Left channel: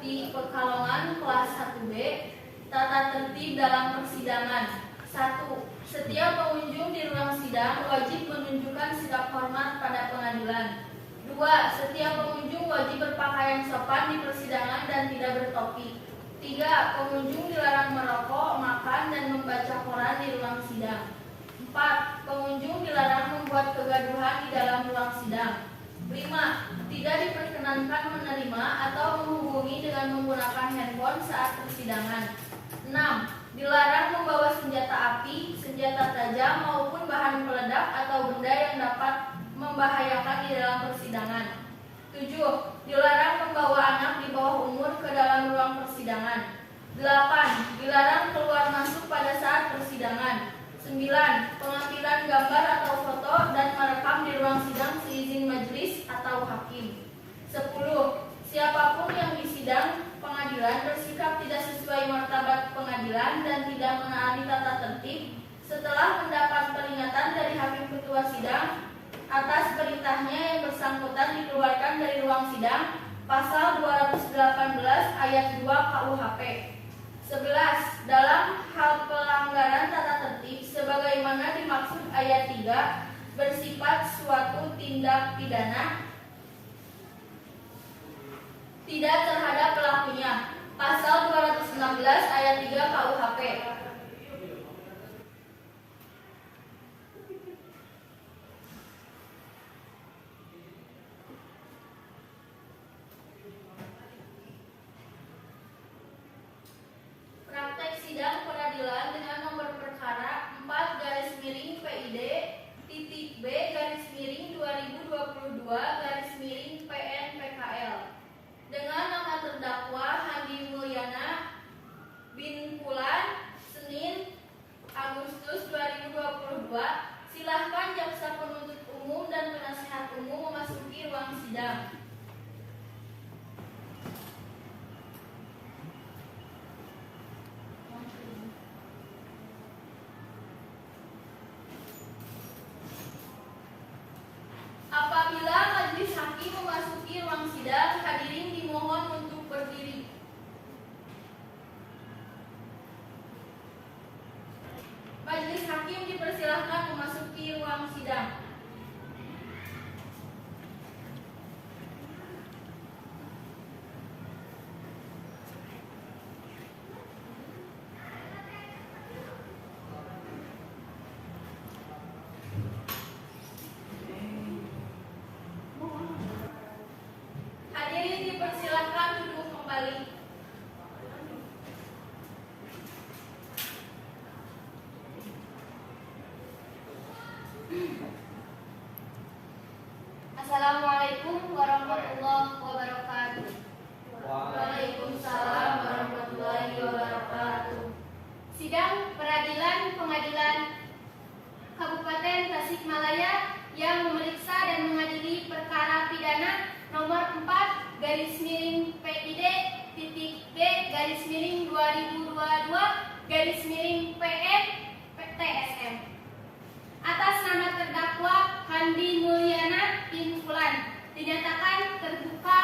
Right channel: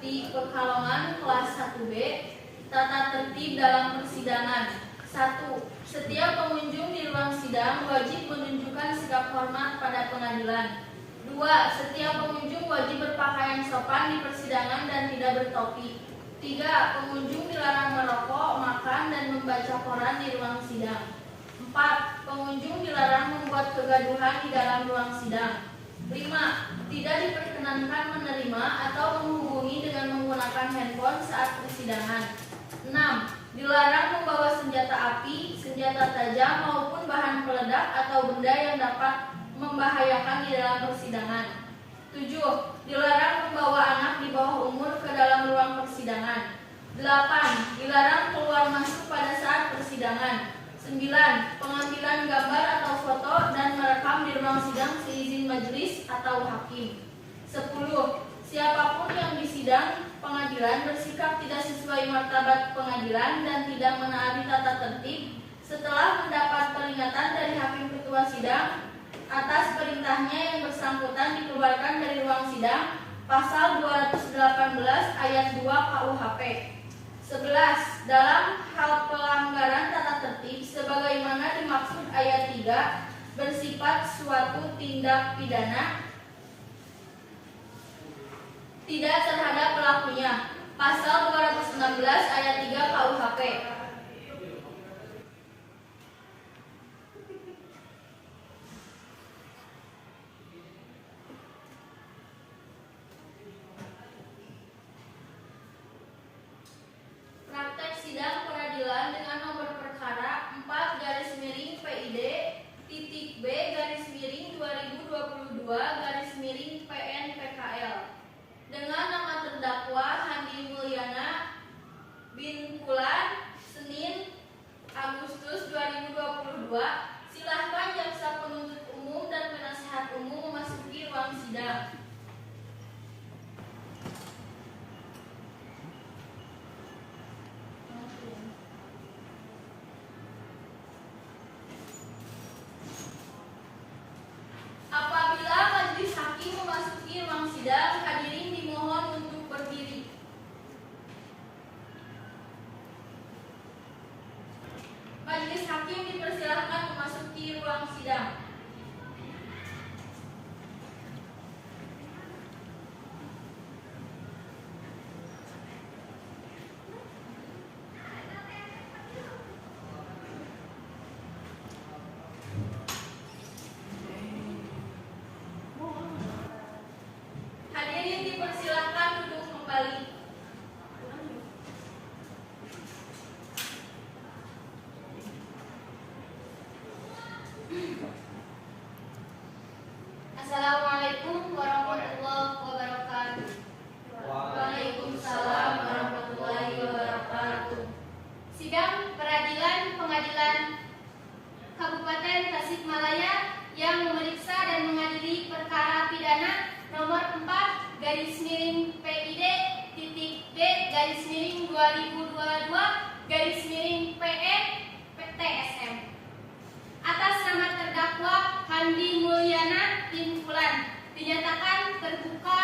di Pekalongan kelas 1B. Tata tertib dalam persidangan. 1. Setiap pengunjung di ruang sidang wajib menunjukkan sikap hormat pada pengadilan. 2. Setiap pengunjung wajib berpakaian sopan di persidangan dan tidak bertopi. 3. Pengunjung dilarang merokok, makan, dan membaca koran di ruang sidang. 4. Pengunjung dilarang membuat kegaduhan di dalam ruang sidang. 5. Tidak diperkenankan menerima atau menghubungi dengan menggunakan handphone saat persidangan. 6. Dilarang membawa senjata api, senjata tajam maupun bahan peledak atau benda yang dapat membahayakan di dalam persidangan. 7. Dilarang membawa anak di bawah umur ke dalam ruang persidangan. 8. Dilarang keluar masuk pada saat persidangan. 9. Pengambilan gambar atau foto dan merekam di ruang sidang seizin majelis atau hakim. 10. Siapapun yang disidang pengadilan bersikap tidak sesuai martabat pengadilan dan tidak menaati tata tertib setelah mendapat peringatan dari hakim ketua sidang atas perintahnya yang bersangkutan dikeluarkan dari ruang sidang, pasal 218 ayat 2 KUHP. 11. Dalam hal pelanggaran tata tertib sebagaimana dimaksud ayat 3 bersifat suatu tindak pidana tidak terhadap pelakunya, pasal 216 ayat 3 KUHP. Praktek sidang peradilan dengan nomor perkara 4-PID-B-2022-PN-PKL dengan nama terdakwa Handi Mulyana bin Fulan, Senin Agustus 2022. Silahkan jaksa penuntut umum dan penasehat umum memasuki ruang sidang. Apabila majelis hakim memasuki ruang sidang, hadirin dimohon untuk berdiri. Majelis hakim dipersilahkan memasuki ruang sidang. Hadirin dipersilahkan duduk kembali. Assalamualaikum warahmatullahi wabarakatuh. Waalaikumsalam warahmatullahi wabarakatuh. Sidang Peradilan Pengadilan Kabupaten Tasikmalaya yang memeriksa dan mengadili perkara pidana nomor 4/PID-B-2022-PN-TSM atas nama terdakwa Handi Mulyana bin Fulan dinyatakan terbuka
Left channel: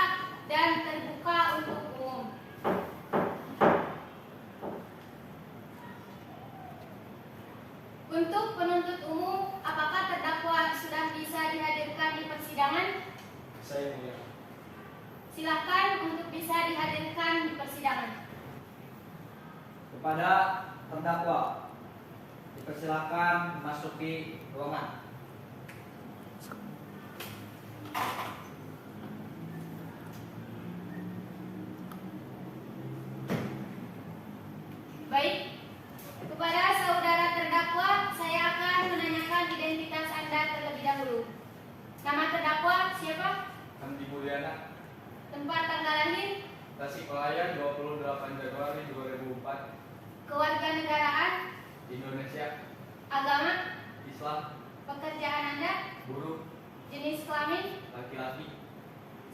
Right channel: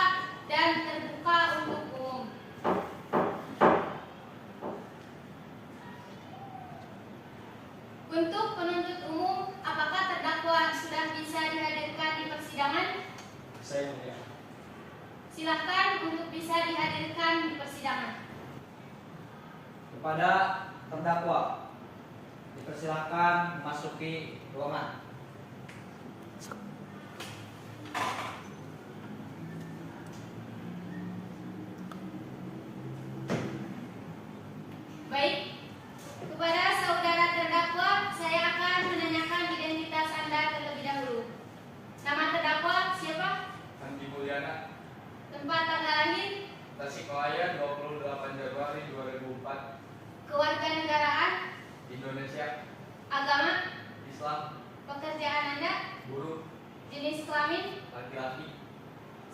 dan terbuka untuk umum. Untuk penuntut umum, apakah terdakwa sudah bisa dihadirkan di persidangan? Saya mulia. Silakan untuk bisa dihadirkan di persidangan. Kepada terdakwa dipersilakan memasuki ruangan. Baik, kepada saudara terdakwa, saya akan menanyakan identitas Anda terlebih dahulu. Nama terdakwa siapa? Handi Mulyana, Tempat tanggal lahir? Tasikmalaya, 28 Januari 2004. Kewarganegaraan? Indonesia. Agama? Islam. Pekerjaan Anda? Buruh. Jenis kelamin? Laki-laki.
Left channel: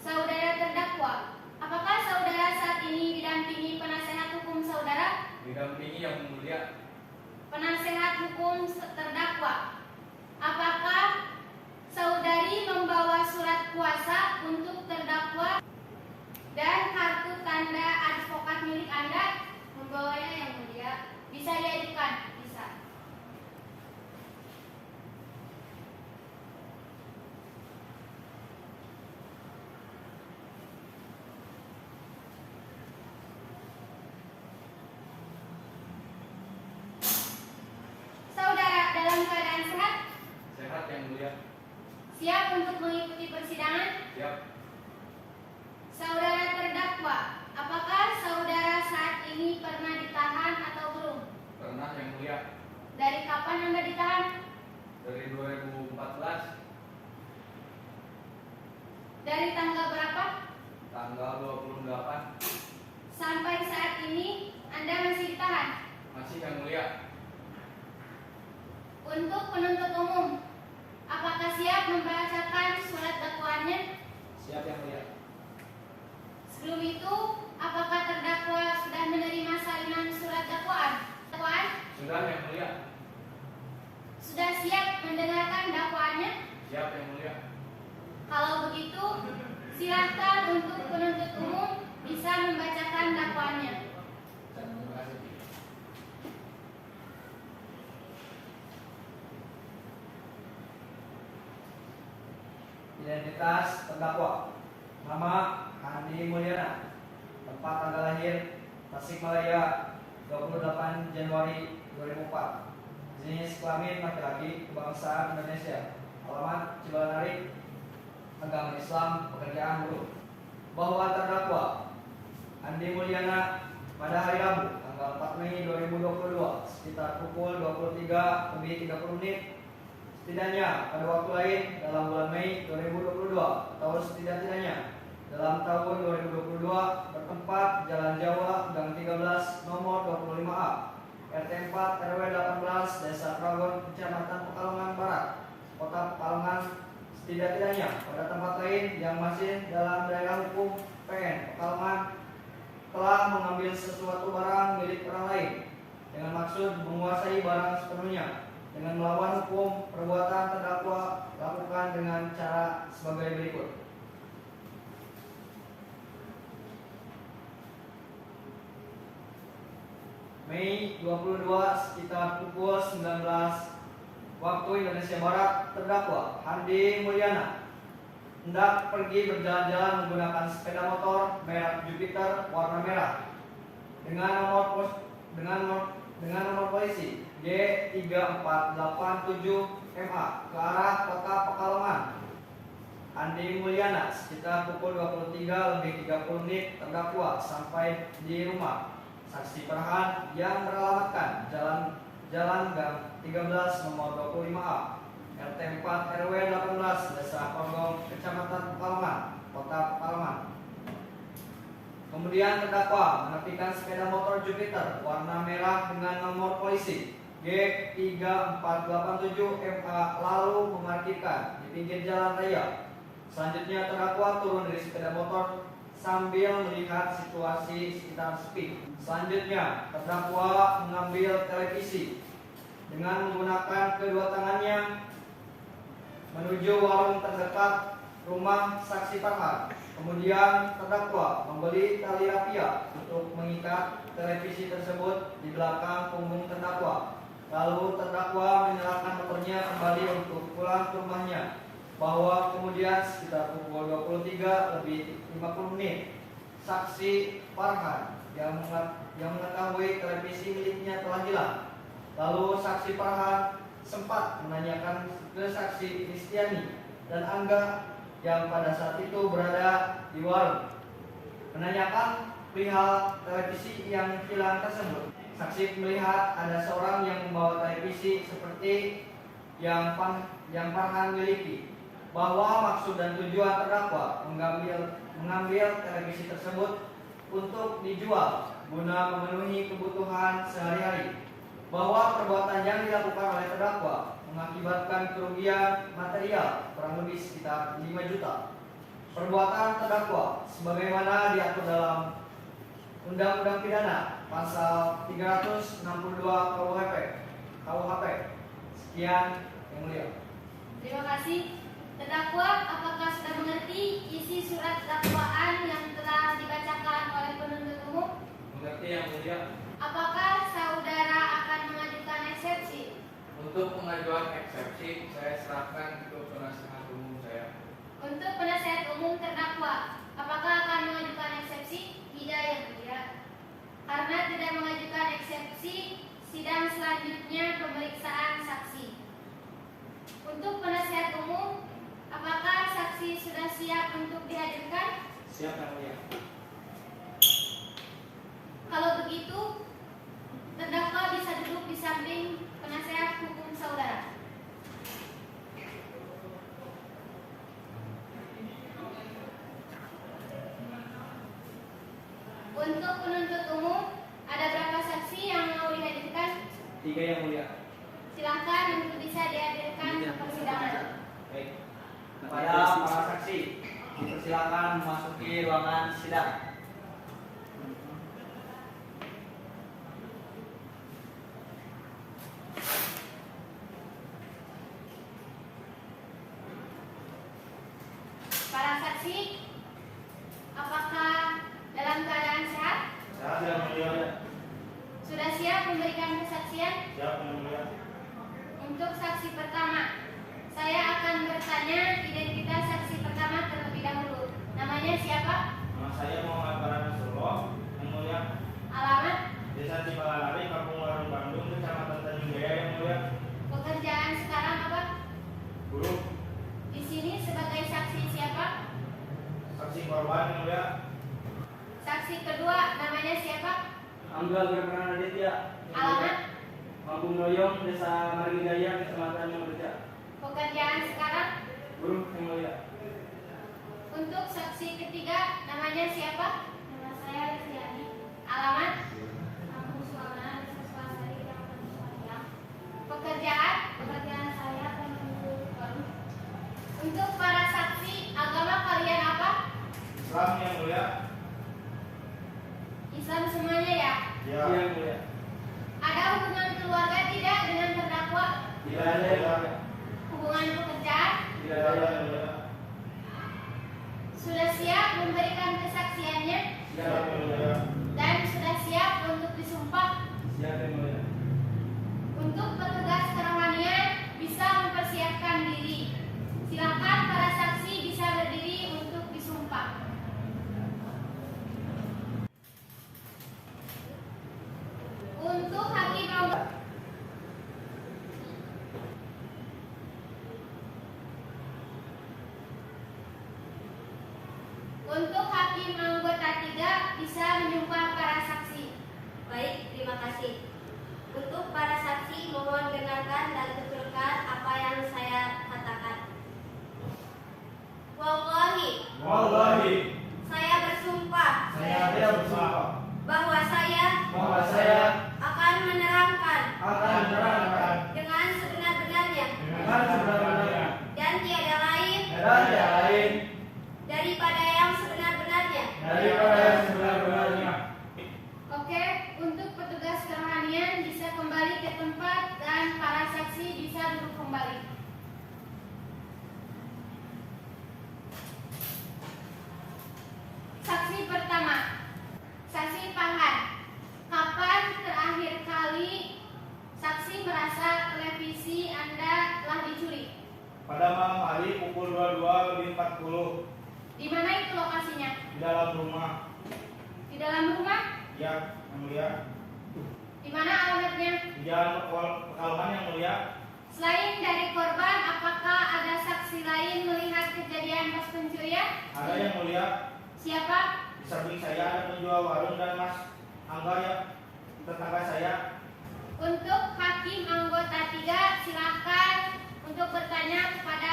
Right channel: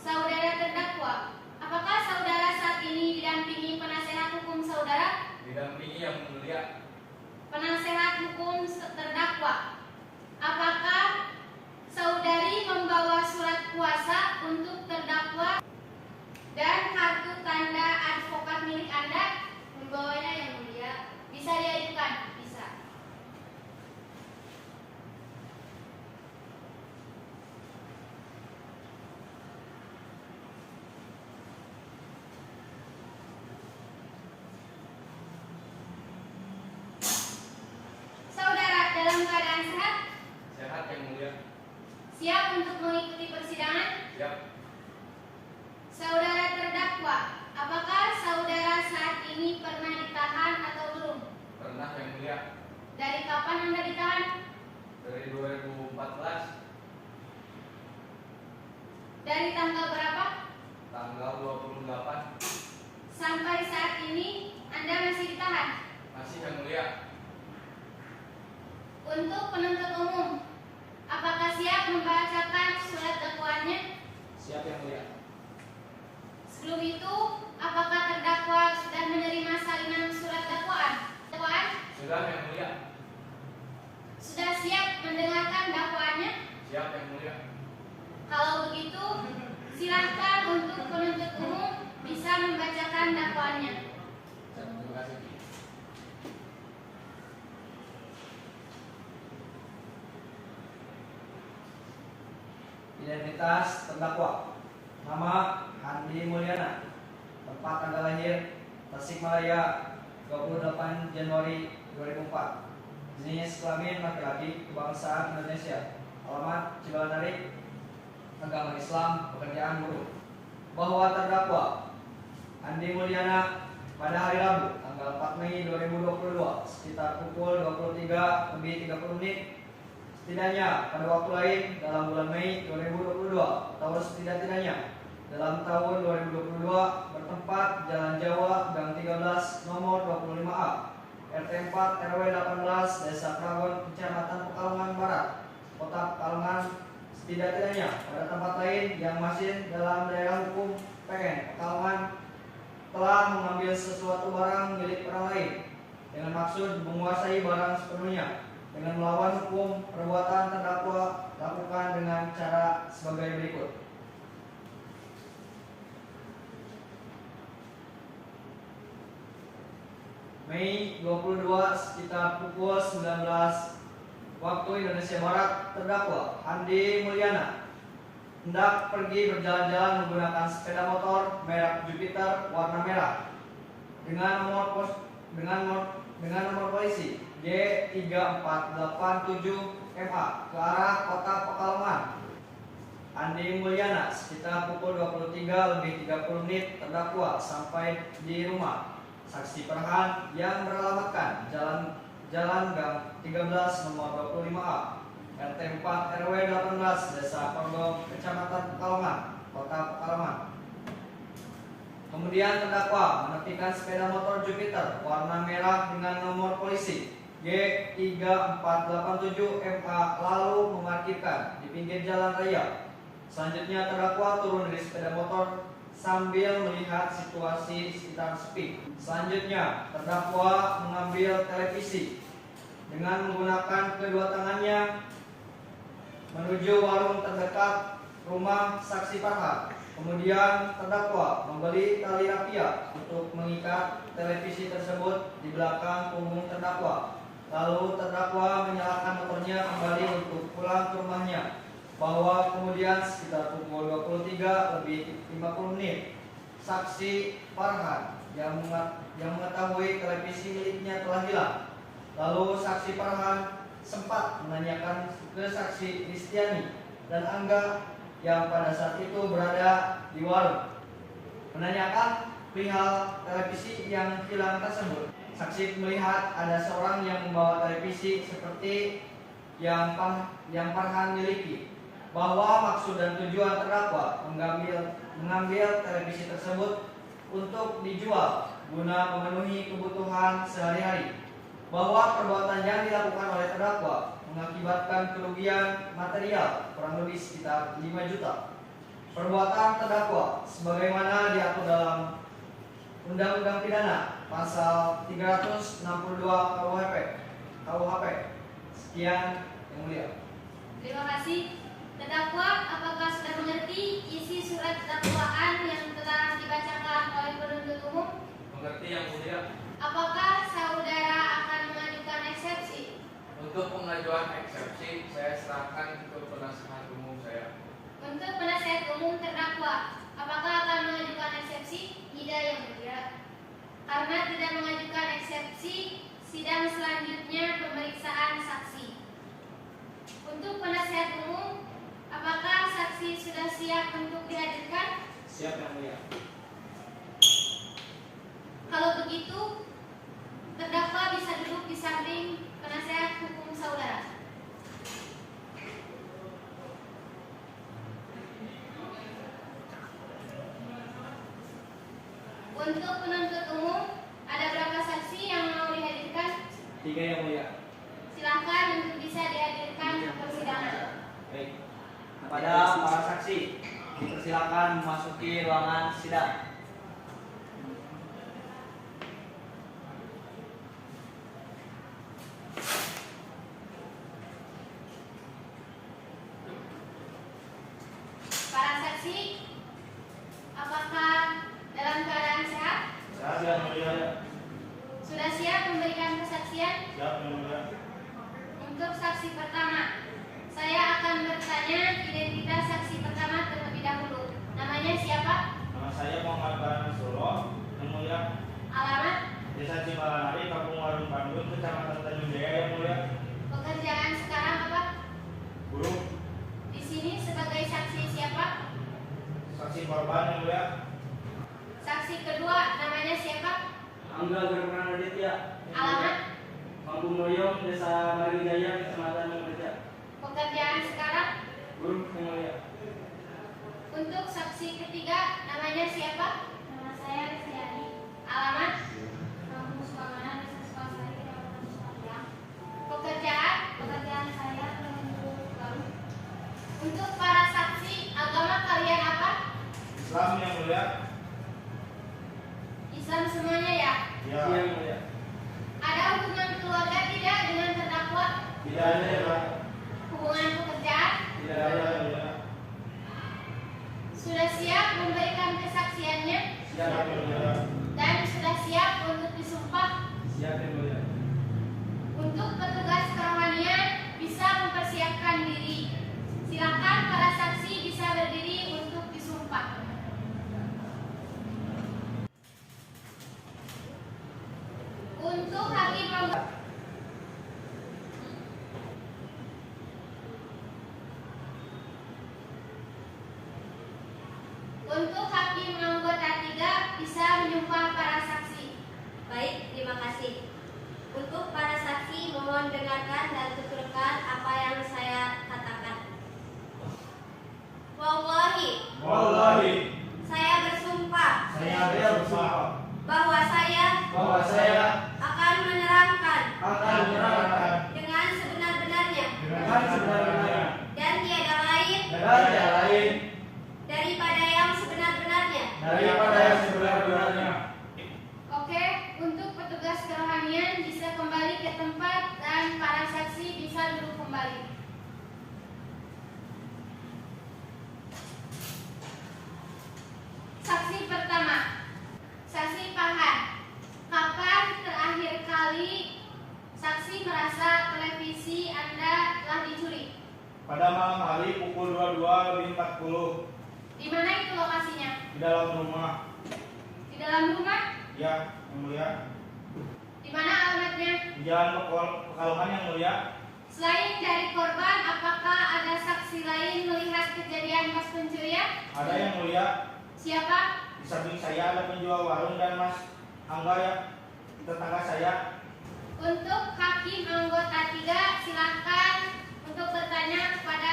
Saudara terdakwa, apakah saudara saat ini didampingi penasehat hukum saudara? Didampingi Yang Mulia. Penasehat hukum terdakwa, apakah saudari membawa surat kuasa untuk terdakwa dan kartu tanda mulia. Siap untuk mengikuti persidangan? Siap. Saudara terdakwa, apakah saudara saat ini pernah ditahan atau belum? Pernah yang mulia. Dari kapan Anda ditahan? Dari 2014 Dari tanggal berapa? tanggal 28. Sampai saat ini Anda masih ditahan? Masih yang mulia. Untuk penuntut umum, apakah siap membacakan surat dakwaannya? Siap yang mulia. Sebelum itu, apakah terdakwa sudah menerima salinan surat dakwaan? Sudah yang mulia. Sudah siap mendengarkan dakwaannya? Siap yang mulia. Kalau begitu, silakan untuk penuntut umum bisa membacakan dakwaannya. Terima kasih. Identitas terdakwa: nama Handi Mulyana, tempat tanggal lahir Tasikmalaya 28 Januari 2004, jenis kelamin laki-laki, kebangsaan Indonesia, alamat Cibalanari, agama Islam, pekerjaan buruh. Bahwa terdakwa Handi Mulyana pada hari Rabu tanggal 4 Mei 2022 sekitar pukul 23:30 setidaknya pada waktu lain dalam bulan Mei 2022 atau setidak-tidaknya dalam tahun 2022 bertempat Jalan Jawa Gang 13 nomor 25A RT 4 RW 18 Desa Kragon Kecamatan Pekalongan Barat Kota Pekalongan setidak-tidaknya pada tempat lain yang masih dalam daerah hukum PN Pekalongan telah mengambil sesuatu barang milik orang lain dengan maksud menguasai barang sepenuhnya dengan melawan hukum. Perbuatan terdakwa lakukan dengan cara sebagai berikut. Mei 22 sekitar pukul 19 waktu Indonesia Barat, terdakwa Handi Mulyana hendak pergi berjalan-jalan menggunakan sepeda motor merek Jupiter warna merah dengan nomor polisi G3487MA ke arah kota Pekalongan. Handi Mulyana sekitar pukul 23:30 terdakwa sampai di rumah saksi Farhan yang beralamatkan Jalan Gang 13 nomor 25A RT 4 RW 18 Desa Kondong Kecamatan Pekalongan Kota Pekalongan. Kemudian terdakwa menepikan sepeda motor Jupiter warna merah dengan nomor polisi G3487MA lalu memarkirkan di pinggir jalan raya. Selanjutnya terdakwa turun dari sepeda motor sambil melihat situasi sekitar sepi. Selanjutnya terdakwa mengambil televisi dengan menggunakan kedua tangannya menuju warung terdekat rumah saksi Farhan. Kemudian terdakwa membeli tali rafia untuk mengikat televisi tersebut di belakang punggung terdakwa. Lalu terdakwa menyalakan motornya kembali untuk pulang ke rumahnya. Bahwa kemudian sekitar pukul 23:50 saksi Farhan yang mengetahui televisi miliknya telah hilang. Lalu saksi Farhan sempat menanyakan ke saksi Kristiani dan Angga yang pada saat itu berada di warung, menanyakan perihal televisi yang hilang tersebut. Saksi melihat ada seorang yang membawa televisi seperti yang Farhan miliki. Bahwa maksud dan tujuan terdakwa mengambil televisi tersebut untuk dijual guna memenuhi kebutuhan sehari-hari. Bahwa perbuatan yang dilakukan oleh terdakwa mengakibatkan kerugian material kurang lebih sekitar 5 juta. Perbuatan terdakwa sebagaimana diatur dalam Undang-Undang Pidana pasal 362 KUHP. Sekian yang mulia. Terima kasih. Terdakwa, apakah sudah mengerti isi surat dakwaan yang telah dibacakan oleh penuntut umum? Mengerti yang mulia. Apakah saudara akan mengajukan eksepsi? Untuk pengajuan eksepsi saya serahkan ke penasihat umum saya. Untuk penasihat umum terdakwa, apakah akan mengajukan eksepsi? Tidak yang mulia. Karena tidak mengajukan eksepsi, sidang selanjutnya pemeriksaan saksi. Untuk penasihat umum Siap yang mulia. Kalau begitu, terdakwa bisa duduk di samping penasehat hukum saudara. Untuk penuntut umum, ada berapa saksi yang mau dihadirkan? 3 yang mulia. Silahkan untuk bisa dihadirkan ke persidangan. Baik. Kepada para saksi, dipersilakan memasuki ruangan sidang. Para saksi, apakah dalam keadaan sehat? Siap yang mulia. Sudah siap memberikan kesaksian? Siap yang mulia. Untuk saksi pertama, saya akan bertanya identitas saksi pertama terlebih dahulu. Namanya siapa? Nama saya Muhammad Barana Solo. Yang mulia. Alamat? Desa Cibalanari, Kampung Warung Bandung, Kecamatan Tanjung Jaya. Yang mulia. Pekerjaan sekarang apa? Guru. Di sini sebagai saksi siapa? Saksi korban. Yang mulia. Saksi kedua, namanya siapa? Angga Germanan Aditya. Alamat? Kampung Noyong, Desa Marijaya, Kecamatan Mangreja. Pekerjaan sekarang? Guru yang mulia. Untuk saksi ketiga, namanya siapa? Nama saya Resiani. Alamat? Kampung Sukamana, Desa Sukansari, Kecamatan Sukamana. Pekerjaan? Pekerjaan saya penunjuk baru. Untuk para saksi, agama kalian apa? Islam. Yang mulia. Islam semuanya ya? Ya. Yang mulia. Ada hubungan keluarga tidak dengan terdakwa? Tidak ada. Yang mulia. Hubungan pekerjaan? Tidak ada. Yang mulia. Sudah siap memberikan kesaksiannya? Siap yang mulia. Dan sudah siap untuk disumpah? Siap yang mulia. Untuk petugas kerohanian bisa mempersiapkan diri. Silakan para saksi bisa berdiri untuk disumpah. Untuk hakim anggota Untuk hakim anggota 3 bisa menyumpah para saksi. Baik, terima kasih. Untuk para saksi, mohon dengarkan dan tuturkan apa yang saya katakan. Wallahi, Wallahi. saya bersumpah Saya bersumpah bahwa saya akan menerangkan Akan menerangkan dengan sebenar-benarnya dengan sebenarnya dan tiada lain dan yang lain daripada yang sebenar-benarnya. daripada yang sebenar-benarnya. Oke, untuk petugas kerohanian bisa kembali ke tempat dan para saksi bisa duduk kembali. Saksi pertama, saksi Pahan. Kapan terakhir kali saksi merasa televisi Anda telah dicuri? Pada malam hari pukul 22:40 Di mana itu lokasinya? di dalam rumah. Di dalam rumah? Ya, yang mulia. Di mana alamatnya? Di Jalan Pekalongan. Yang mulia. Selain dari korban, apakah ada saksi lain melihat kejadian pas pencurian? Ada yang mulia. Siapa? Di samping saya ada penjual warung dan Mas Angga ya, tetangga saya. Untuk hakim anggota 3, silakan untuk bertanya kepada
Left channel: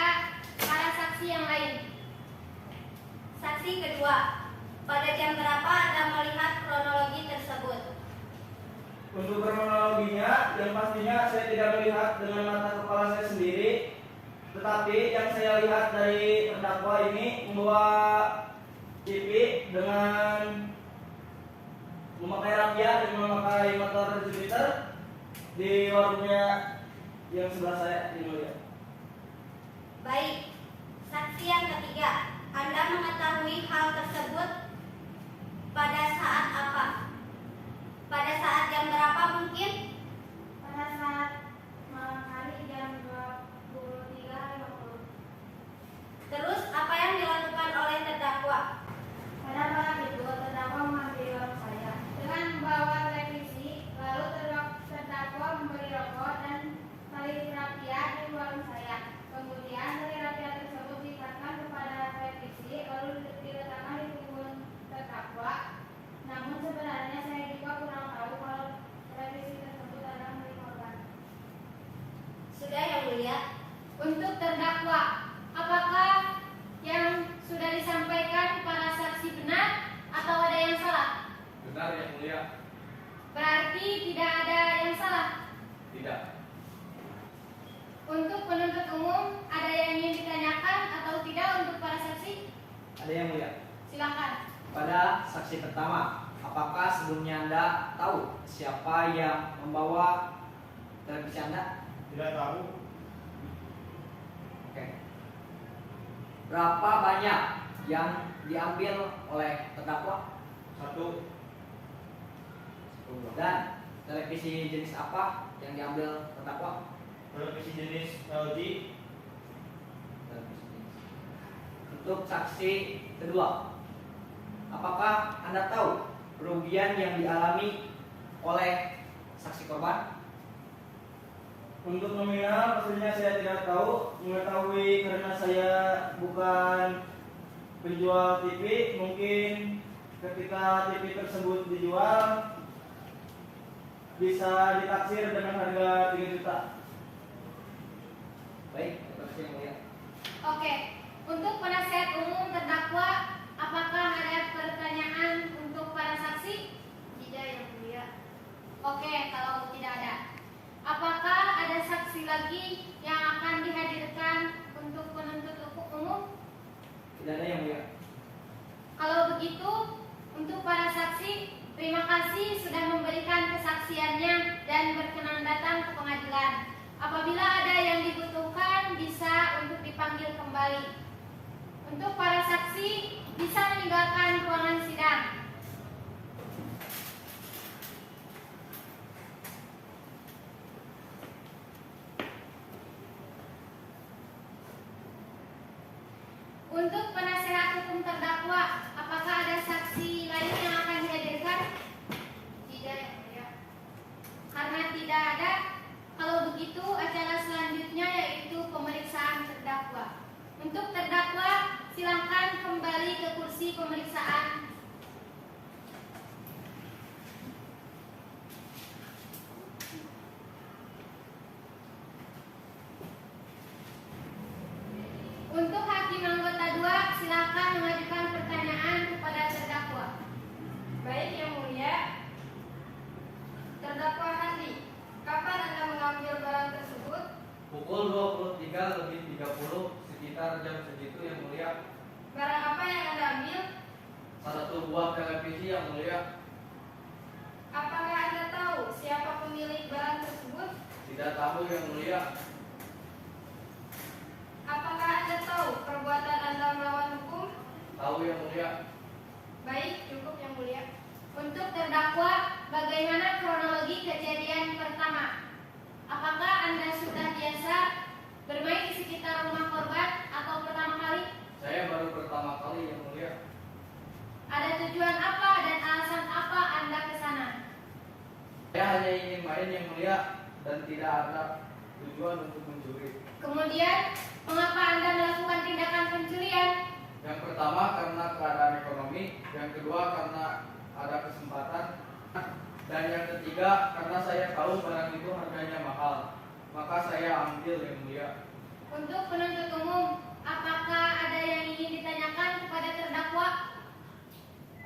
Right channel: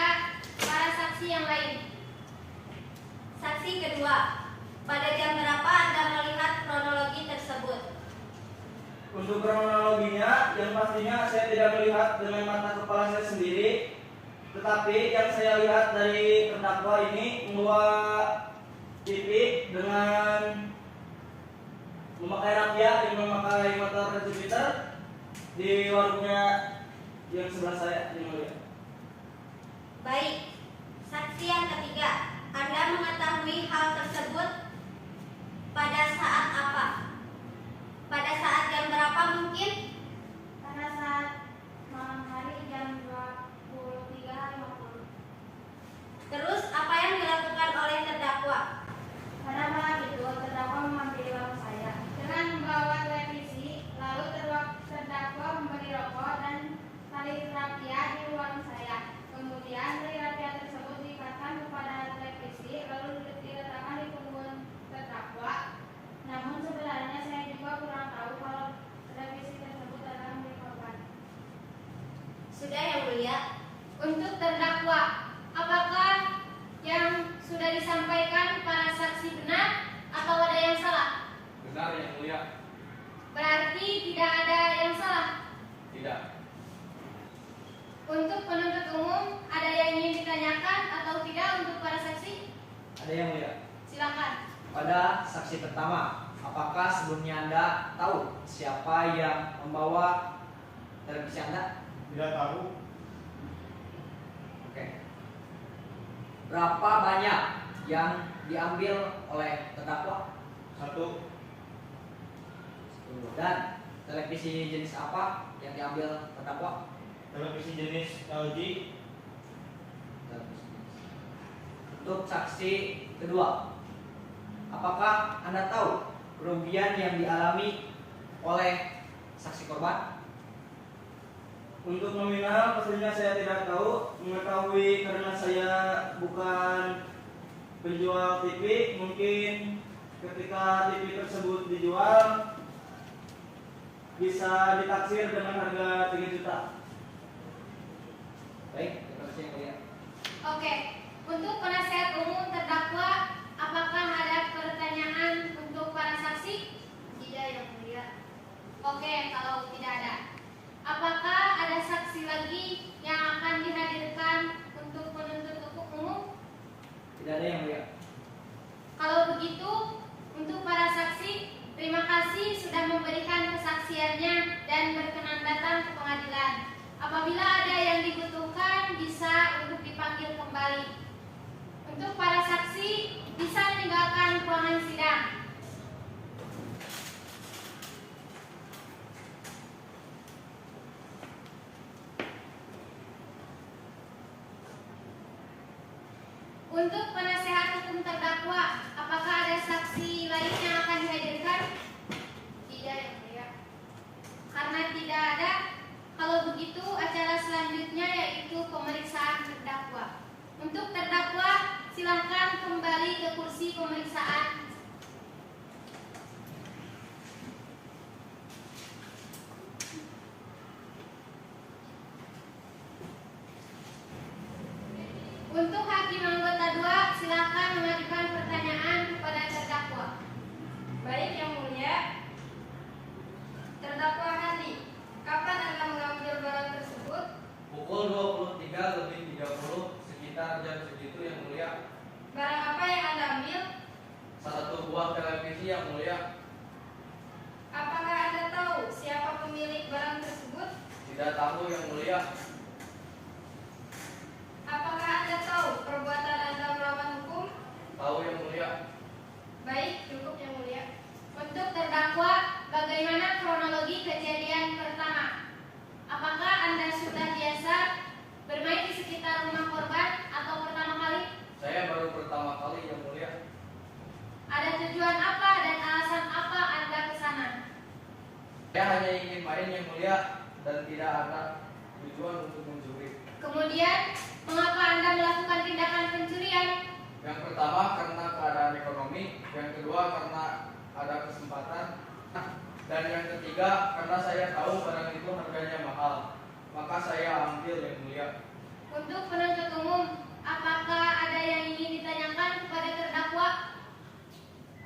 para saksi yang lain. Saksi kedua, pada jam berapa Anda melihat kronologi tersebut? Untuk kronologinya, yang pastinya saya tidak melihat dengan mata kepala saya sendiri, tetapi yang saya lihat dari terdakwa ini membawa TV dengan memakai radia dan memakai motor Jupiter di warungnya yang sebelah saya yang mulia. Baik, saksi yang ketiga, Anda mengetahui hal tersebut pada saat apa? Pada saat jam berapa mungkin? Pada saat malam hari jam 23.50. Terus apa yang dilakukan oleh terdakwa? Pada malam itu, terdakwa menghampiri warung saya dengan membawa televisi, lalu terdakwa membeli rokok dan tali rapia di warung saya. Kemudian tali rapia tersebut diikatkan kepada televisi, lalu diletakkan di punggung mulia. Untuk terdakwa, apakah yang sudah disampaikan para saksi benar atau ada yang salah? Benar yang mulia. Berarti tidak ada yang salah. Tidak. Untuk penuntut umum, ada yang ingin ditanyakan atau tidak untuk para saksi? Ada yang mulia. Silakan. Pada saksi pertama, apakah sebelumnya Anda tahu siapa yang membawa televisi Anda? Tidak tahu. Oke. Berapa banyak yang diambil oleh terdakwa? 1. Dan televisi jenis apa yang diambil terdakwa? Televisi jenis LG. Untuk saksi kedua, apakah Anda tahu kerugian yang dialami oleh saksi korban? Untuk nominal pastinya saya tidak tahu, mengetahui karena saya bukan penjual TV. Mungkin ketika TV tersebut dijual bisa ditaksir dengan harga 3 juta. Baik, terima kasih yang mulia. Oke. Untuk penasihat umum terdakwa, apakah ada pertanyaan untuk para saksi? Tidak yang mulia. Oke, kalau tidak ada. Apakah ada saksi lagi yang akan dihadirkan untuk penuntut umum? Tidak ada yang mulia. Kalau begitu, untuk para saksi, terima kasih sudah memberikan kesaksiannya dan berkenan datang ke pengadilan. Apabila ada yang dibutuhkan, bisa untuk dipanggil kembali. Untuk para saksi, bisa meninggalkan ruangan sidang. Untuk penasehat hukum terdakwa, apakah ada saksi lain yang akan dihadirkan? Tidak yang mulia. Karena tidak ada, kalau begitu acara selanjutnya yaitu pemeriksaan terdakwa. Untuk terdakwa, silakan kembali ke kursi pemeriksaan. Untuk hakim anggota 2, silakan mengajukan pertanyaan kepada terdakwa. Baik yang mulia. Terdakwa Handi, kapan Anda mengambil barang tersebut? Pukul 23:30 sekitar jam segitu yang mulia. Barang apa yang Anda ambil? Satu buah televisi yang mulia. Apakah Anda tahu siapa pemilik barang tersebut? Tidak tahu yang mulia. Apakah Anda tahu perbuatan Anda melawan hukum? Tahu yang mulia. Baik, cukup yang mulia. Untuk terdakwa, bagaimana kronologi kejadian pertama? Apakah Anda sudah biasa bermain di sekitar rumah korban atau pertama kali? Saya baru pertama kali yang mulia. Ada tujuan apa dan alasan apa Anda ke sana? Saya hanya ingin main yang mulia dan tidak ada tujuan untuk mencuri. Kemudian, mengapa Anda melakukan tindakan pencurian? Yang pertama karena keadaan ekonomi, yang kedua karena ada kesempatan, dan yang ketiga karena saya tahu barang itu harganya mahal, maka saya ambil yang mulia. Untuk penuntut umum, apakah ada yang ingin ditanyakan kepada terdakwa?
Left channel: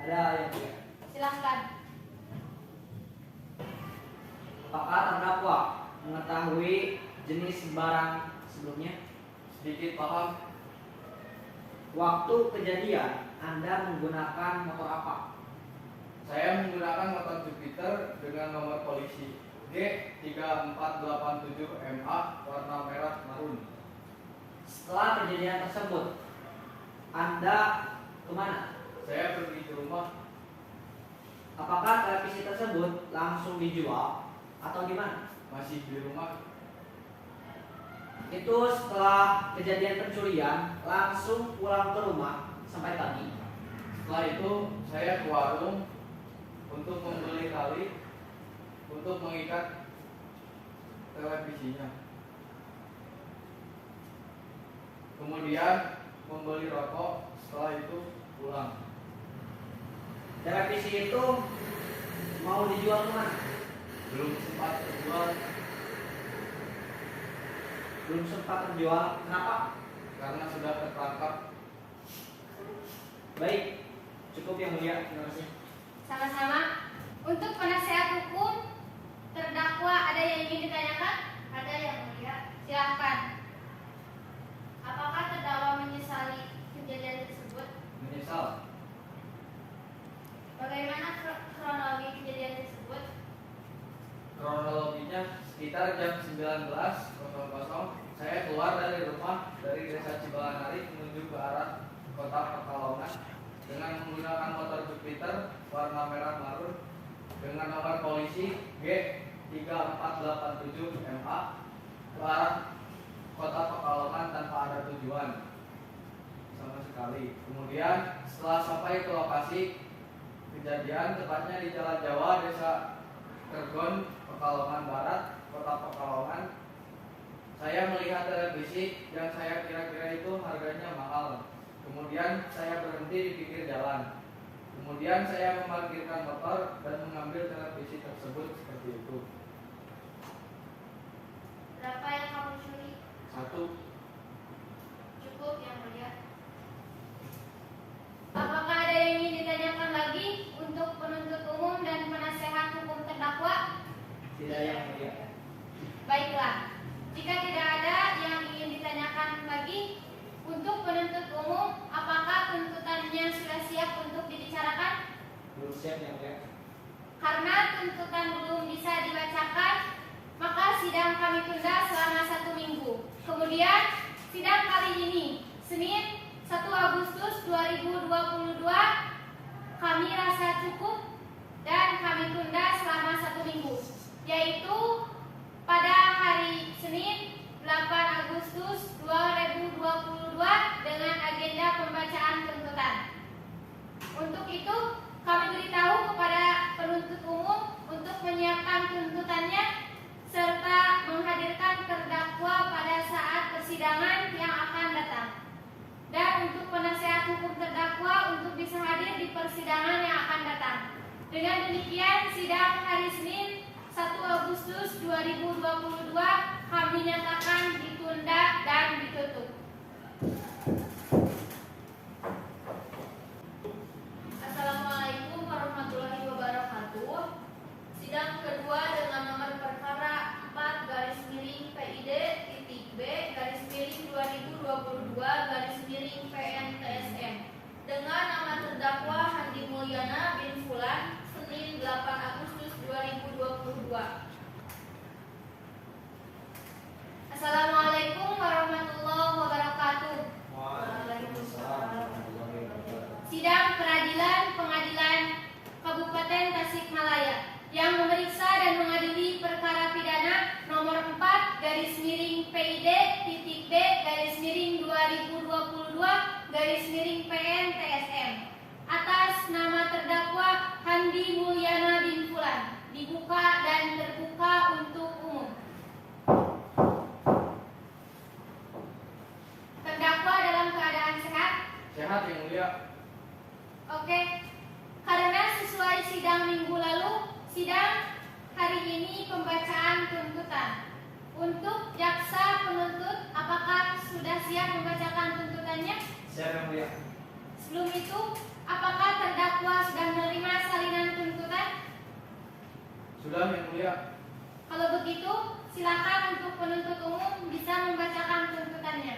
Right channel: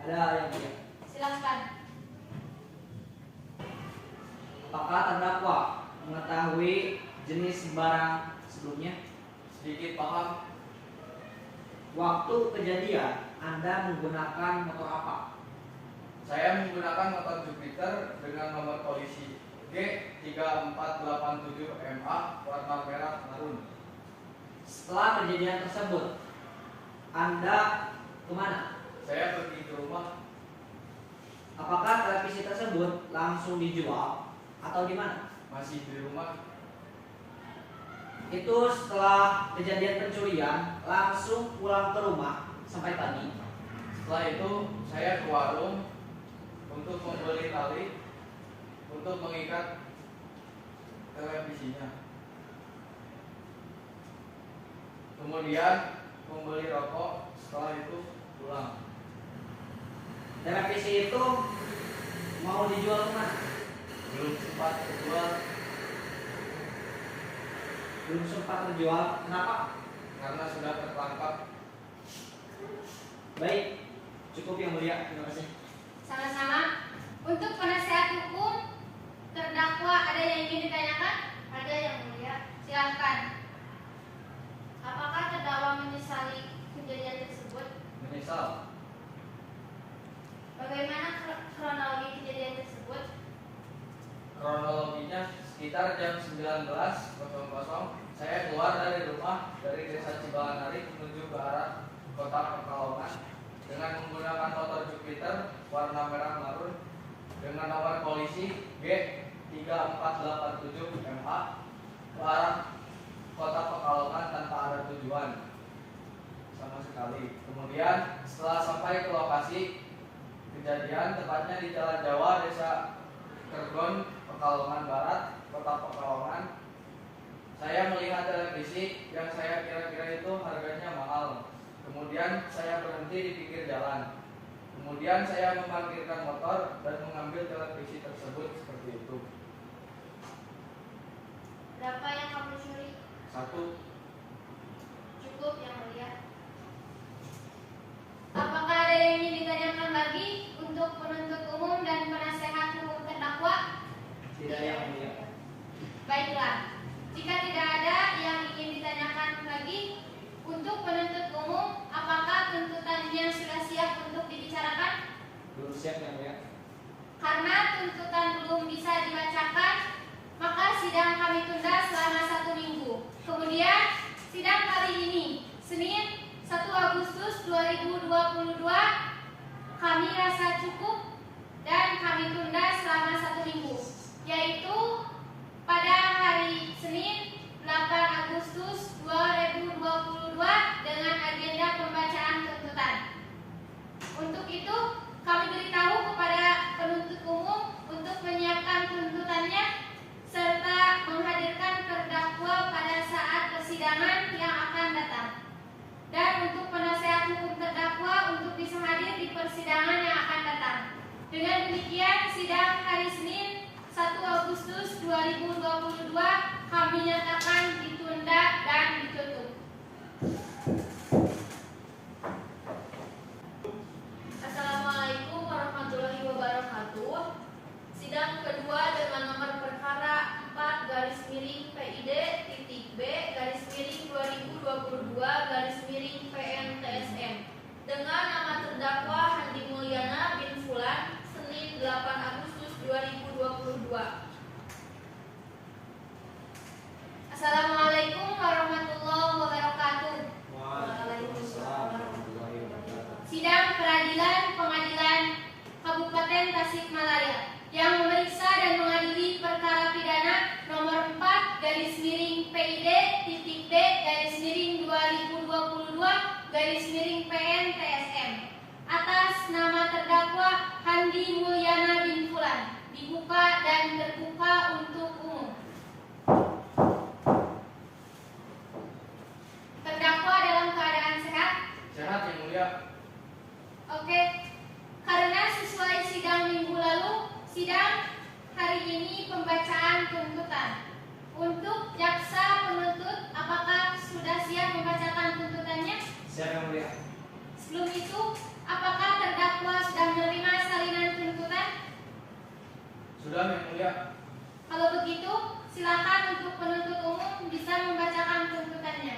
Ada yang mulia. Silakan. Apakah terdakwa mengetahui jenis barang sebelumnya? Sedikit paham. Waktu kejadian Anda menggunakan motor apa? Saya menggunakan motor Jupiter dengan nomor polisi G3487MA warna merah marun. Setelah kejadian tersebut, Anda kemana? Saya pergi ke rumah. Apakah televisi tersebut langsung dijual atau di mana? Masih di rumah. Itu setelah kejadian pencurian langsung pulang ke rumah sampai pagi. Setelah itu saya ke warung untuk membeli tali untuk mengikat televisinya. Kemudian membeli rokok, setelah itu pulang. Televisi itu mau dijual kemana? Belum sempat terjual. belum sempat terjual. Kenapa? Karena sudah tertangkap. Baik, cukup yang mulia. Terima kasih. Sama-sama. Untuk penasehat hukum terdakwa ada yang ingin ditanyakan? Ada yang mulia. Silahkan. Apakah terdakwa menyesali kejadian tersebut? Menyesal. Bagaimana kronologi kejadian tersebut? Kronologinya sekitar jam 19.00 saya keluar dari rumah dari desa Cibalanari menuju ke arah kota Pekalongan dengan menggunakan motor Jupiter warna merah marun dengan nomor polisi G3487 MA ke arah kota Pekalongan tanpa ada tujuan sama sekali. Kemudian setelah sampai ke lokasi kejadian, tepatnya di Jalan Jawa, Desa Kergon, Pekalongan Barat, Kota Pekalongan, saya melihat televisi yang saya kira-kira itu harganya mahal. Kemudian saya berhenti di pinggir jalan. Kemudian saya memarkirkan motor dan mengambil televisi tersebut seperti itu. Berapa yang kamu curi? 1. Cukup yang mulia. Apakah ada yang ingin ditanyakan lagi untuk penuntut umum dan penasehat hukum terdakwa? Tidak yang mulia. Baiklah, jika tidak ada yang ingin ditanyakan lagi untuk penuntut umum, apakah tuntutannya sudah siap untuk dibicarakan? Belum siap yang mulia. Karena tuntutan belum bisa dibacakan, maka sidang kami tunda selama 1 minggu. Kemudian, sidang kali ini, Senin 1 Agustus 2022, kami rasa cukup dan kami tunda selama 1 minggu, yaitu pada hari Senin 8 Agustus 2022 dengan agenda pembacaan tuntutan. Untuk itu, kami beritahu kepada penuntut umum untuk menyiapkan tuntutannya serta menghadirkan terdakwa pada saat persidangan yang akan datang. Dan untuk penasehat hukum terdakwa untuk bisa hadir di persidangan yang akan datang. Dengan demikian, sidang hari Senin 1 Agustus 2022 kami nyatakan ditunda dan ditutup. Assalamualaikum warahmatullahi wabarakatuh. Sidang kedua dengan nomor perkara 4-PID-B-2022-PNTSM dengan nama terdakwa Handi Mulyana bin Fulan, Senin 8 Agustus 2022. Assalamualaikum warahmatullahi wabarakatuh. Waalaikumsalam. Sidang peradilan pengadilan Kabupaten Tasikmalaya yang memeriksa dan mengadili perkara pidana nomor 4-PID-B-2022-PNTSM atas nama terdakwa Handi Mulyana bin Fulan dibuka dan terbuka untuk umum. Terdakwa dalam keadaan sehat? Sehat yang mulia. Oke, karena sesuai sidang minggu lalu, sidang hari ini pembacaan tuntutan. Untuk jaksa penuntut, apakah sudah siap membacakan tuntutannya? Siap yang mulia. Sebelum itu, apakah terdakwa sudah menerima salinan tuntutan? Sudah yang mulia. Kalau begitu, silakan untuk penuntut umum bisa membacakan tuntutannya.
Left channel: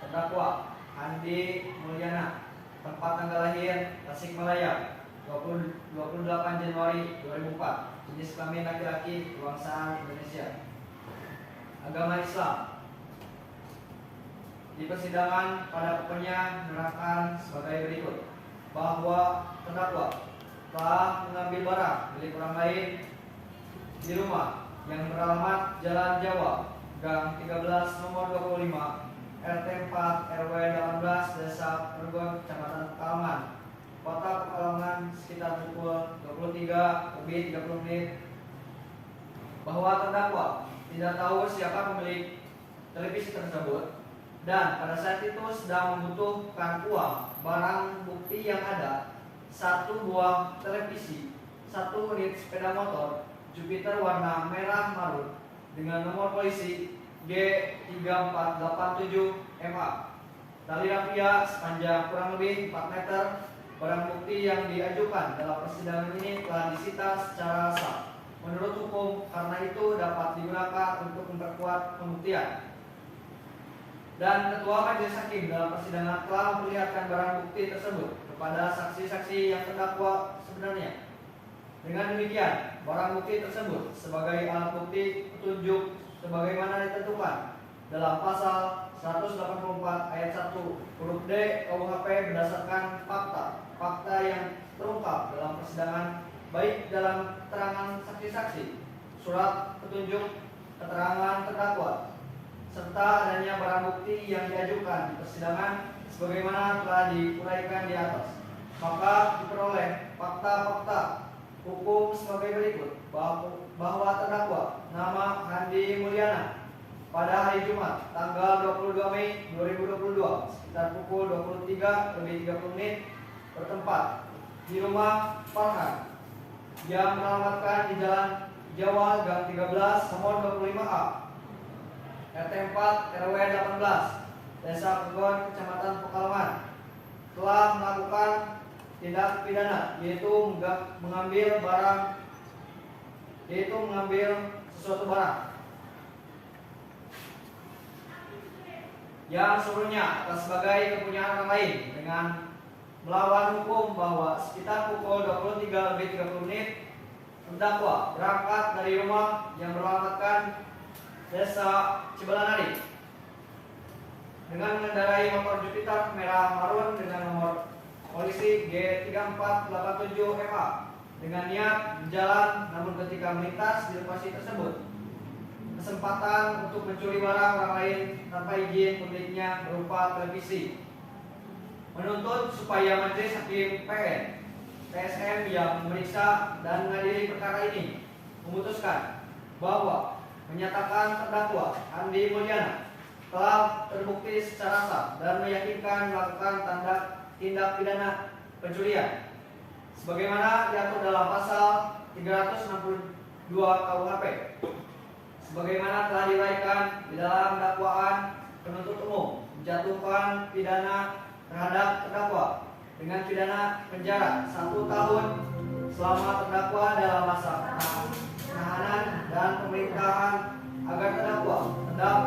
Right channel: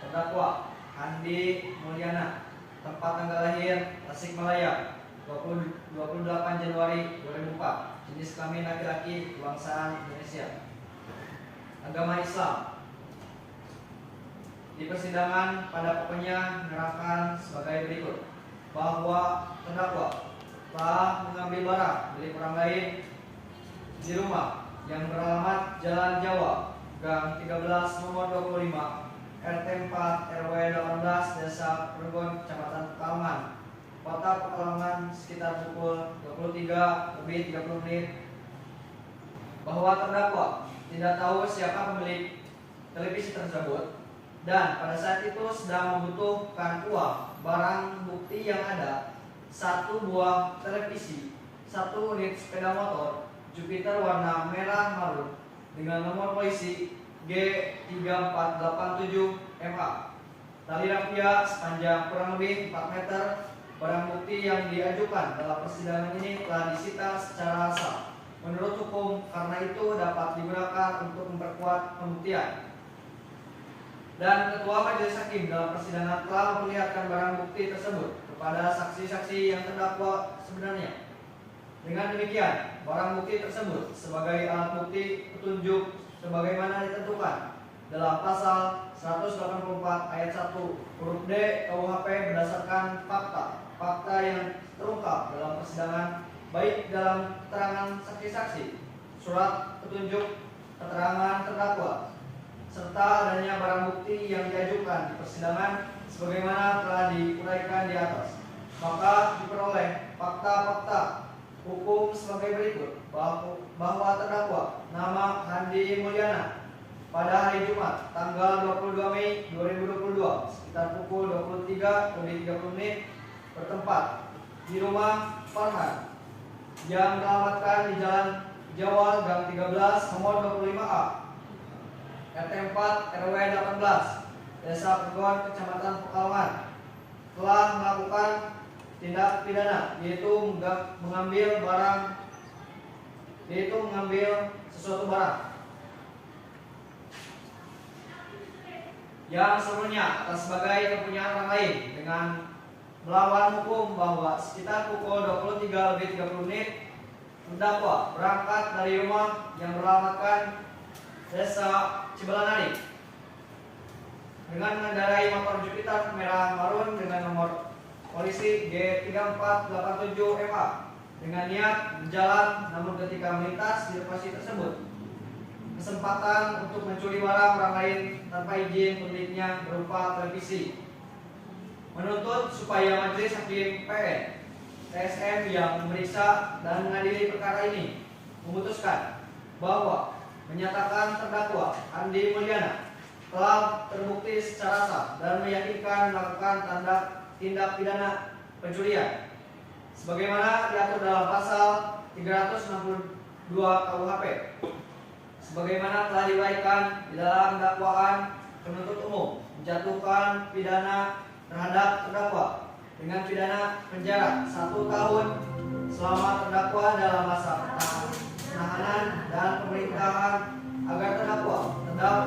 Terdakwa Handi Mulyana, tempat tanggal lahir Tasikmalaya 28 Januari 2004, jenis kelamin laki-laki, kebangsaan Indonesia, agama Islam. Di persidangan pada pokoknya menerangkan sebagai berikut bahwa terdakwa telah mengambil barang milik orang lain di rumah yang beralamat Jalan Jawa, Gang 13 nomor 25, RT 4 RW 18 Desa Kergon, Kecamatan Pekalongan, Kota Pekalongan sekitar pukul 23:30 bahwa terdakwa tidak tahu siapa pemilik televisi tersebut dan pada saat itu sedang membutuhkan uang barang bukti yang ada 1 buah televisi, 1 unit sepeda motor Jupiter warna merah marun dengan nomor polisi G3487MA. Tali rafia sepanjang kurang lebih 4 meter. Barang bukti yang diajukan dalam persidangan ini telah disita secara sah menurut hukum, karena itu dapat digunakan untuk memperkuat pembuktian. Dan Ketua Majelis Hakim dalam persidangan telah memperlihatkan barang bukti tersebut kepada saksi-saksi yang terdakwa sebenarnya. Dengan demikian, barang bukti tersebut sebagai alat bukti petunjuk sebagaimana ditentukan dalam pasal 184 ayat 1 huruf D KUHP berdasarkan fakta yang terungkap dalam persidangan, baik dalam keterangan saksi-saksi, surat petunjuk, keterangan terdakwa, serta adanya barang bukti yang diajukan di persidangan sebagaimana telah diuraikan di atas. Maka diperoleh fakta-fakta hukum sebagai berikut, bahwa terdakwa nama Handi Mulyana pada hari Jumat tanggal 22 Mei 2022 sekitar pukul 23:30 bertempat di rumah Farhan yang beralamatkan di Jalan Jawa Gang 13 nomor 25A RT 4 RW 18 Desa Pegon Kecamatan Pekalongan telah melakukan tindak pidana yaitu mengambil sesuatu barang yang seluruhnya atas sebagai kepunyaan orang lain dengan melawan hukum, bahwa sekitar pukul 23:30 terdakwa berangkat dari rumah yang beralamatkan Desa Cibalanadi dengan mengendarai motor Jupiter merah marun dengan nomor polisi G3487MA dengan niat berjalan, namun ketika melintas di lokasi tersebut kesempatan untuk mencuri barang orang lain tanpa izin pemiliknya berupa televisi. Menuntut supaya Majelis Hakim PN TSM yang memeriksa dan mengadili perkara ini memutuskan bahwa menyatakan terdakwa Andi Mulyana telah terbukti secara sah dan meyakinkan melakukan tindak pidana pencurian sebagaimana diatur dalam pasal 362 KUHP. Sebagaimana telah diuraikan di dalam dakwaan, penuntut umum menjatuhkan pidana terhadap terdakwa dengan pidana penjara 1 tahun selama terdakwa dalam masa penahanan dan pemerintahan agar terdakwa tetap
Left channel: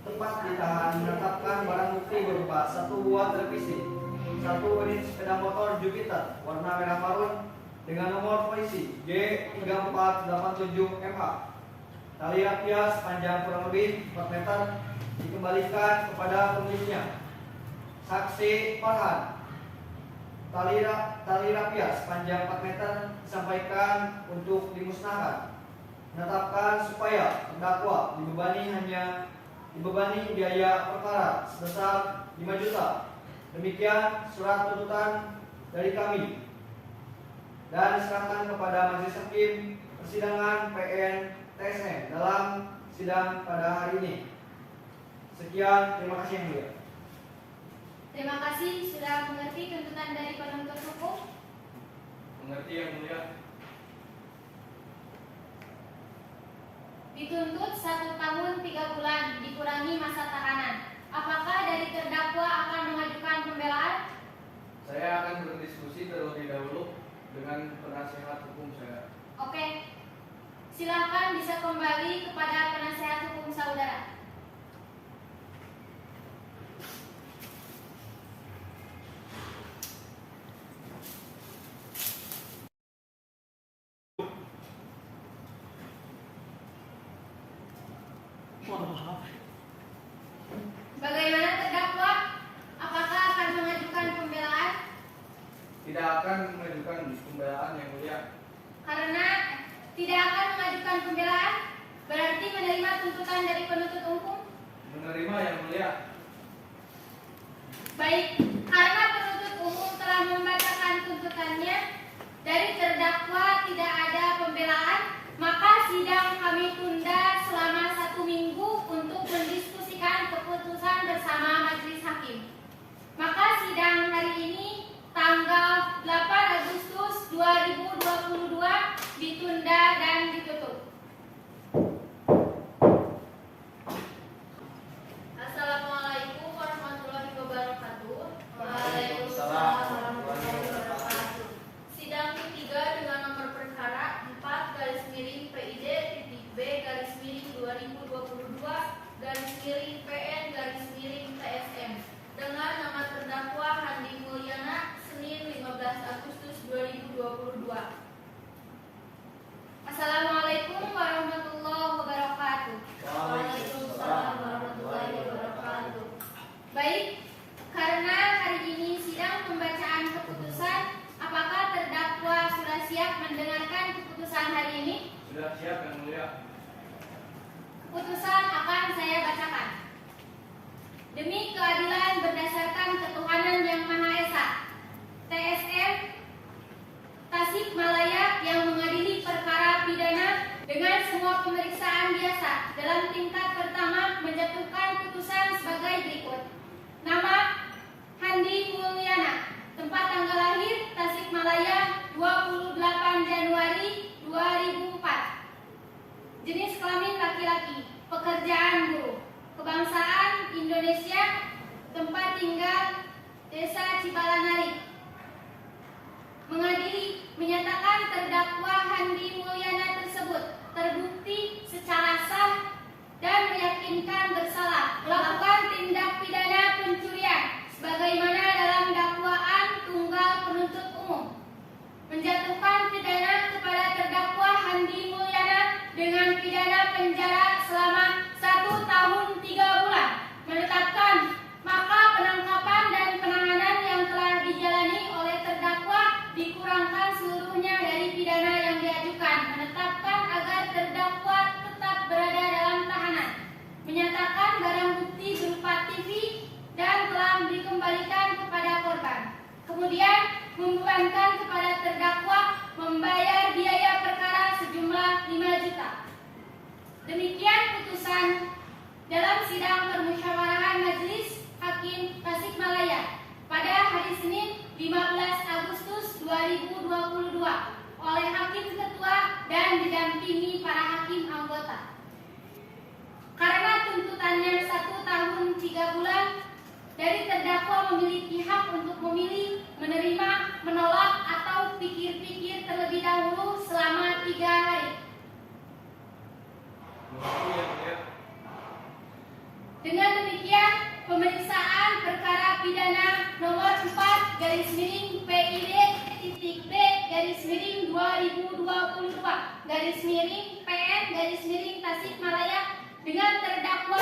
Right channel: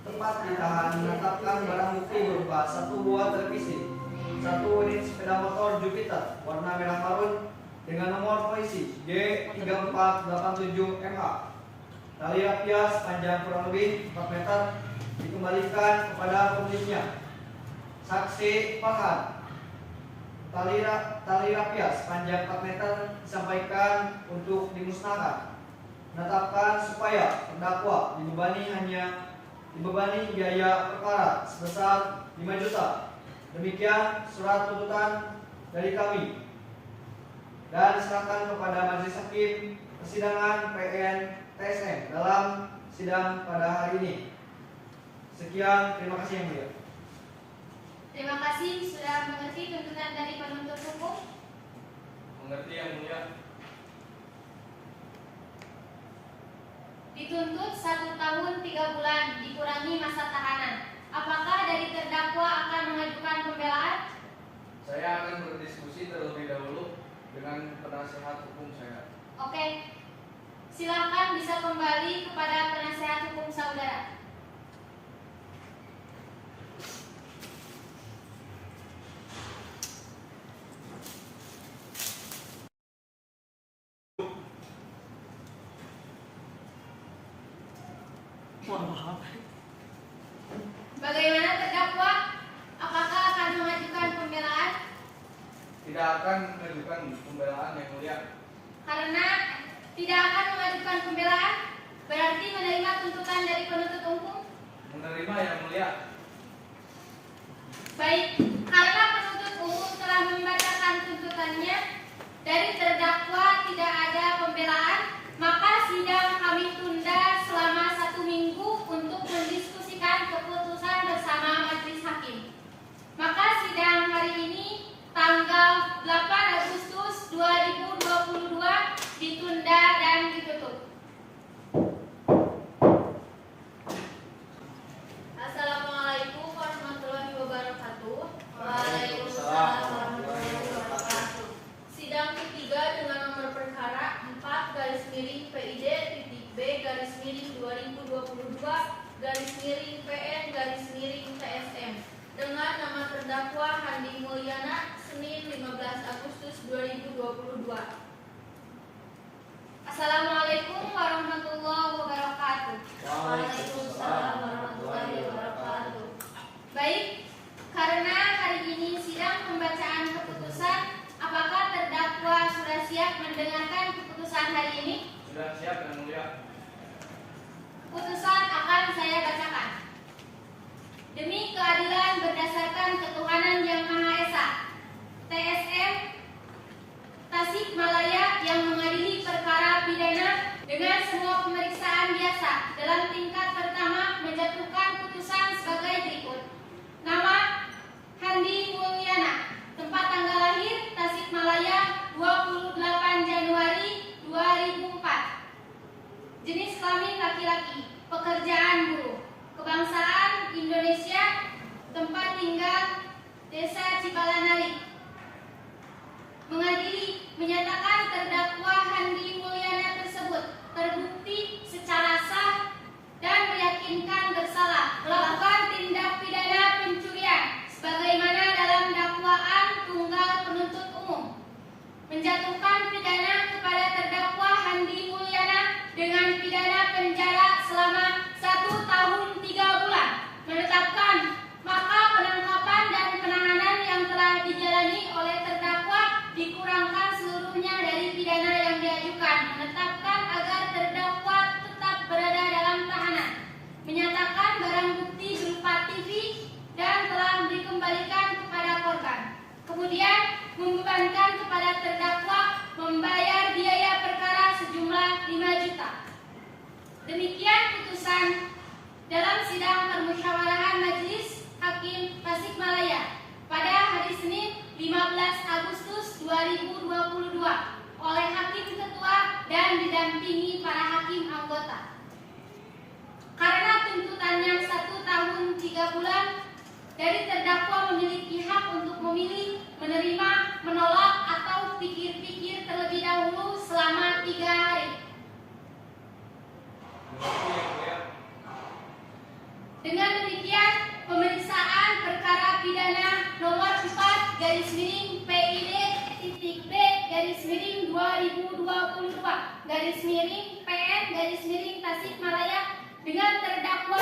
tempat ditahan, menetapkan barang bukti berupa 1 buah televisi, 1 unit sepeda motor Jupiter warna merah marun dengan nomor polisi G3487MA. Tali rafia sepanjang kurang lebih 4 meter dikembalikan kepada pemiliknya. Saksi Farhan, tali rafia sepanjang 4 meter disampaikan untuk dimusnahkan. Menetapkan supaya terdakwa dibebani biaya perkara sebesar 5 juta. Demikian surat tuntutan dari kami dan diserahkan kepada Majelis Hakim Persidangan PN TSM dalam sidang pada hari ini. Sekian, terima kasih yang mulia. Terima kasih sudah mengerti tuntutan dari penuntut hukum. Mengerti yang mulia. Dituntut 1 tahun 3 bulan dikurangi masa tahanan. Apakah dari terdakwa akan mengajukan pembelaan? Saya akan berdiskusi terlebih dahulu dengan penasihat hukum saya. Oke. Silakan bisa kembali kepada penasihat hukum saudara. Bagaimana terdakwa? Apakah akan mengajukan pembelaan? Tidak akan mengajukan pembelaan yang mulia. Karena tidak akan mengajukan pembelaan, berarti menerima tuntutan dari penuntut umum. Menerima yang mulia. Baik, karena penuntut umum telah membacakan tuntutannya, dari terdakwa tidak ada pembelaan, maka sidang kami tunda selama 1 minggu untuk mendiskusikan keputusan bersama Majelis Hakim. Maka sidang hari ini tanggal tanggal 8 Agustus 2022 ditunda dan ditutup. Assalamualaikum warahmatullahi wabarakatuh. Waalaikumsalam warahmatullahi wabarakatuh. Sidang ketiga dengan nomor perkara 4/PID-B-2022-PN-TSM dengan nama terdakwa Handi Mulyana Senin 15 Agustus 2022. Assalamualaikum warahmatullahi wabarakatuh. Waalaikumsalam warahmatullahi wabarakatuh. Baik, karena hari ini sidang pembacaan keputusan, apakah terdakwa sudah siap mendengarkan keputusan hari ini? Sudah siap Yang Mulia. Putusan akan saya bacakan. Demi keadilan berdasarkan ketuhanan yang Maha Esa, TSM Tasikmalaya yang mengadili perkara pidana dengan semua pemeriksaan biasa dalam tingkat pertama menjatuhkan putusan sebagai berikut. Nama Handi Mulyana, tempat tanggal lahir Tasikmalaya 28 Januari 2004. Jenis kelamin laki-laki, pekerjaan buruh, kebangsaan Indonesia, tempat tinggal Desa Cibalanari. Mengadili menyatakan terdakwa Handi Mulyana tersebut terbukti secara sah dan meyakinkan bersalah melakukan tindak pidana pencurian sebagaimana dalam dakwaan tunggal penuntut umum, menjatuhkan pidana kepada terdakwa Handi Mulyana dengan pidana penjara selama 1 tahun 3 bulan, menetapkan maka penangkapan dan penahanan yang telah dijalani oleh terdakwa dikurangkan seluruhnya dari pidana yang diajukan, menetapkan agar terdakwa tetap berada dalam tahanan, menyatakan barang bukti berupa TV dan telah dikembalikan kepada korban. Kemudian membebankan kepada terdakwa membayar biaya perkara sejumlah 5 juta. Demikian putusan dalam sidang permusyawarahan Majelis Hakim Tasikmalaya pada hari Senin 15 Agustus 2022 oleh Hakim Ketua dan didampingi para hakim anggota. Karena tuntutannya 1 tahun 3 bulan dari terdakwa memiliki hak untuk memilih, menerima, menolak, atau pikir-pikir terlebih dahulu selama 3 hari. Yang Mulia. Dengan demikian, pemeriksaan perkara pidana nomor 4/PID-B-2022-PN-Tasikmalaya dengan terdakwa